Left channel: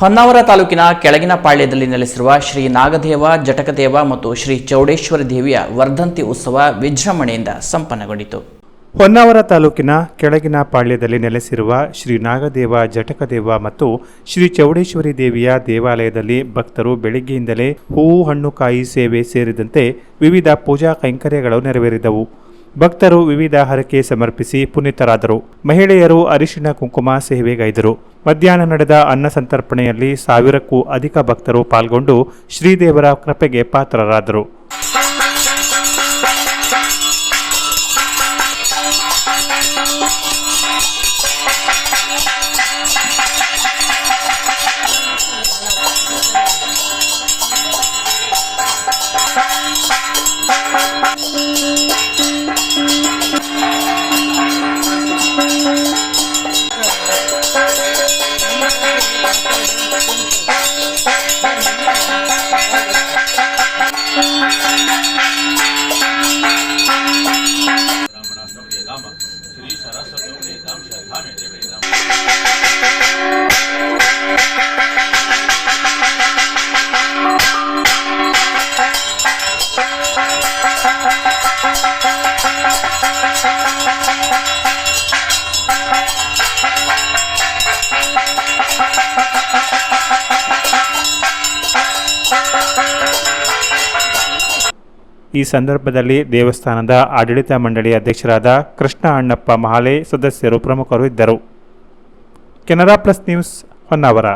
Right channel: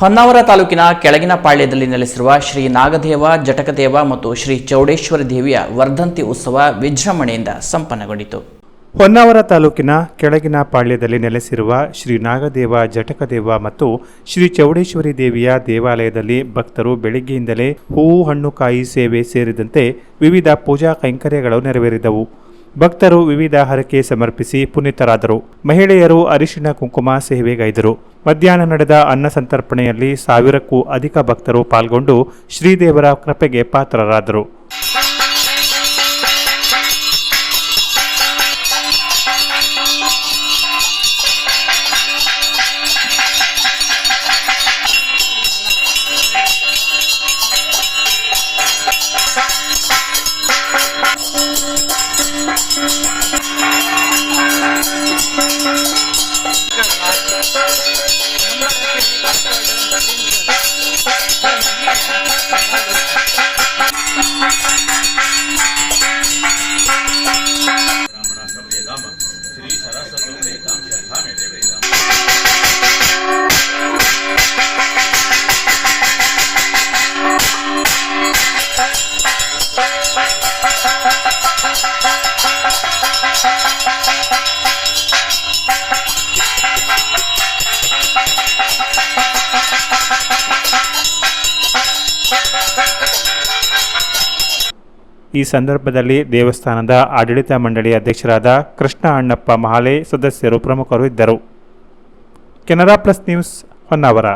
ಹೊನ್ನಾವರ ತಾಲೂಕಿನ ಕೆಳಗಿನ ಪಾಳ್ಯದಲ್ಲಿ ನೆಲೆಸಿರುವ ಶ್ರೀ ನಾಗದೇವ ಜಟಕದೇವ ಮತ್ತು ಶ್ರೀ ಚೌಡೇಶ್ವರಿ ದೇವಿಯ ವರ್ಧಂತಿ ಉತ್ಸವ ವಿಜೃಂಭಣೆಯಿಂದ ಸಂಪನ್ನಗೊಂಡಿತು. ಹೊನ್ನಾವರ ತಾಲೂಕಿನ ಕೆಳಗಿನ ಪಾಳ್ಯದಲ್ಲಿ ನೆಲೆಸಿರುವ ಶ್ರೀ ನಾಗದೇವ ಜಟಕದೇವ ಮತ್ತು ಶ್ರೀ ಚೌಡೇಶ್ವರಿ ದೇವಿಯ ದೇವಾಲಯದಲ್ಲಿ ಭಕ್ತರು ಬೆಳಗ್ಗೆಯಿಂದಲೇ ಹೂವು ಹಣ್ಣು ಕಾಯಿ ಸೇವೆ ಸೇರಿದಂತೆ ವಿವಿಧ ಪೂಜಾ ಕೈಂಕರ್ಯಗಳು ನೆರವೇರಿದವು. ಭಕ್ತರು ವಿವಿಧ ಹರಕೆ ಸಮರ್ಪಿಸಿ ಪುನೀತರಾದರು. ಮಹಿಳೆಯರು ಅರಿಶಿಣ ಕುಂಕುಮ ಸೇವೆಗೈದರು. ಮಧ್ಯಾಹ್ನ ನಡೆದ ಅನ್ನ ಸಂತರ್ಪಣೆಯಲ್ಲಿ 1000ಕ್ಕೂ ಅಧಿಕ ಭಕ್ತರು ಪಾಲ್ಗೊಂಡು ಶ್ರೀದೇವರ ಕೃಪೆಗೆ ಪಾತ್ರರಾದರು. ಈ ಸಂದರ್ಭದಲ್ಲಿ ದೇವಸ್ಥಾನದ ಆಡಳಿತ ಮಂಡಳಿ ಅಧ್ಯಕ್ಷರಾದ ಕೃಷ್ಣ ಅಣ್ಣಪ್ಪ ಮಹಾಲೆ ಸದಸ್ಯರು ಪ್ರಮುಖರು ಇದ್ದರು. Canara plus news Honnavar.